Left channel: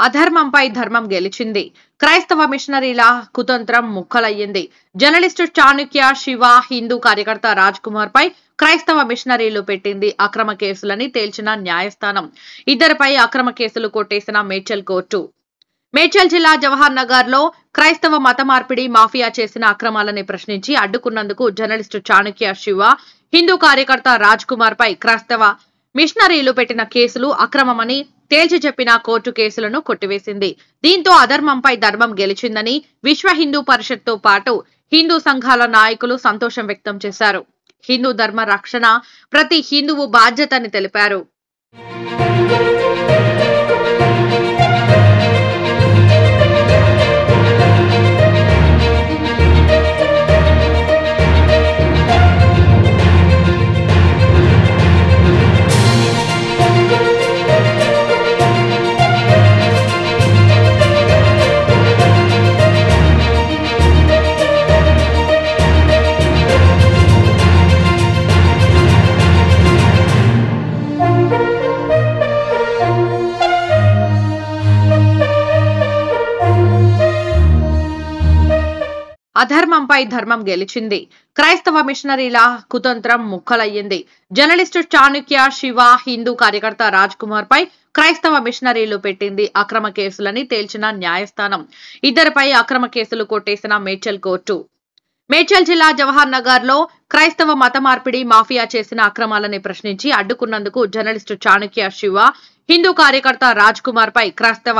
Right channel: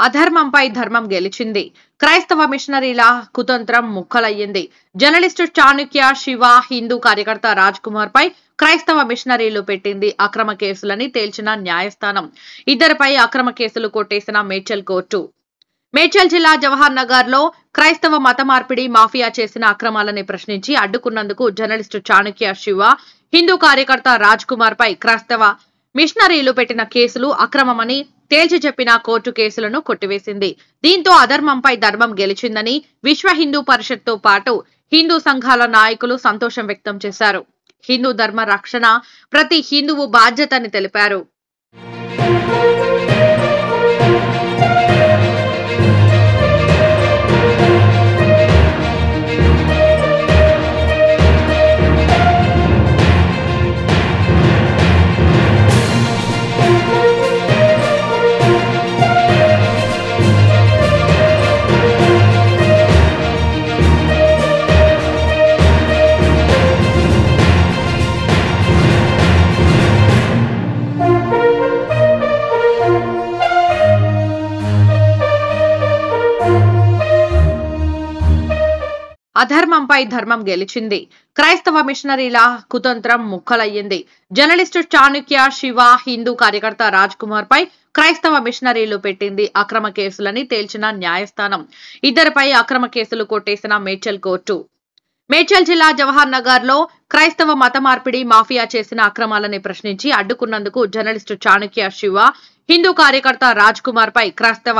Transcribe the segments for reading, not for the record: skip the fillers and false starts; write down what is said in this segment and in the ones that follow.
అధర్మంపై ధర్మం గెలిచింది. క్రైస్తవ మిషనరీల కుతంత్రం ముక్కలయ్యింది. జర్నలిస్టు చాణక్య శివ, హిందూ కార్యకర్త రాజ్ కుమార్ పై క్రైస్తవ మిషనరీలు పెట్టింది అక్రమ కేసులని తేల్చిన న్యాయస్థానం. ఇద్దరిపై అక్రమ కేసులు కొట్టేసిన మేడ్చల్ కోర్టు. మేడ్చల్ జిల్లా జవహర్ నగర్ లో క్రైస్తవ మత మార్పిడి మాఫియా చేసిన అక్రమాలని ప్రశ్నించి అడ్డుకున్నందుకు జర్నలిస్టు చాణక్య శివ, హిందూ కార్యకర్త రాజ్ కుమార్ పై క్రైస్తవ మిషనరీలు పెట్టిన కేసులు అక్రమమని తేల్చి చెప్పిన కోర్టు కేసులను కొట్టివేసింది. దీంతో అధర్మంపై ధర్మం గెలిచిందని విశ్వ హిందూ పరిషత్ తో పాటు హిందూ సంఘాల నాయకులు సంతోషం వ్యక్తం చేశారు. హిందూ ధర్మ రక్షణ ప్రతి హిందువు బాధ్యతని తెలిపారు. అధర్మంపై ధర్మం గెలిచింది. క్రైస్తవ మిషనరీల కుతంత్రం ముక్కలయ్యింది. జర్నలిస్టు చాణక్య శివ, హిందూ కార్యకర్త రాజ్ కుమార్ పై క్రైస్తవ మిషనరీలు పెట్టింది అక్రమ కేసులని తేల్చిన న్యాయస్థానం. ఇద్దరిపై అక్రమ కేసులు కొట్టేసిన మేడ్చల్ కోర్టు. మేడ్చల్ జిల్లా జవహర్ నగర్ లో క్రైస్తవ మత మార్పిడి మాఫియా చేసిన అక్రమాలని ప్రశ్నించి అడ్డుకున్నందుకు జర్నలిస్టు చాణక్య శివ, హిందూ కార్యకర్త రాజ్ కుమార్ పై క్రైస్తవ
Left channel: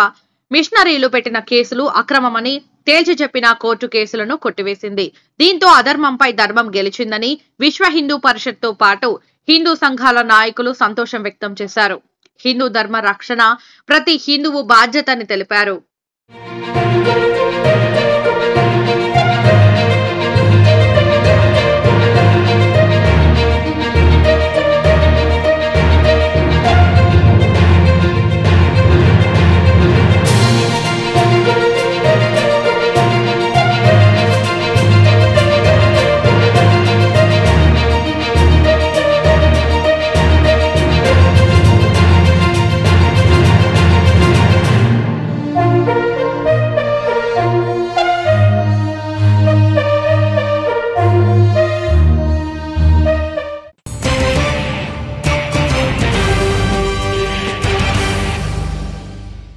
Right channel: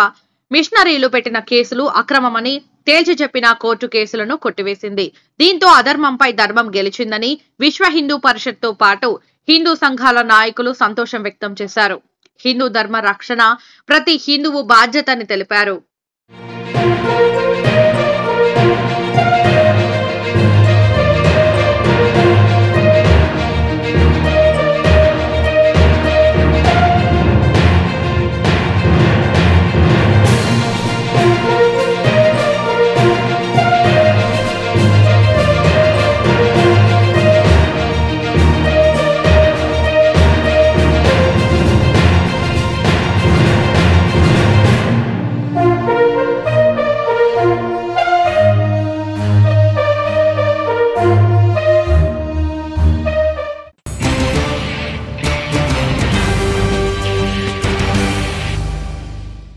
మిషనరీలు పెట్టిన కేసులు అక్రమమని తేల్చి చెప్పిన కోర్టు కేసులను కొట్టివేసింది. దీంతో అధర్మంపై ధర్మం గెలిచిందని విశ్వ హిందూ పరిషత్ తో పాటు హిందూ సంఘాల నాయకులు సంతోషం వ్యక్తం చేశారు. హిందూ ధర్మ రక్షణ ప్రతి హిందువు బాధ్యతని తెలిపారు.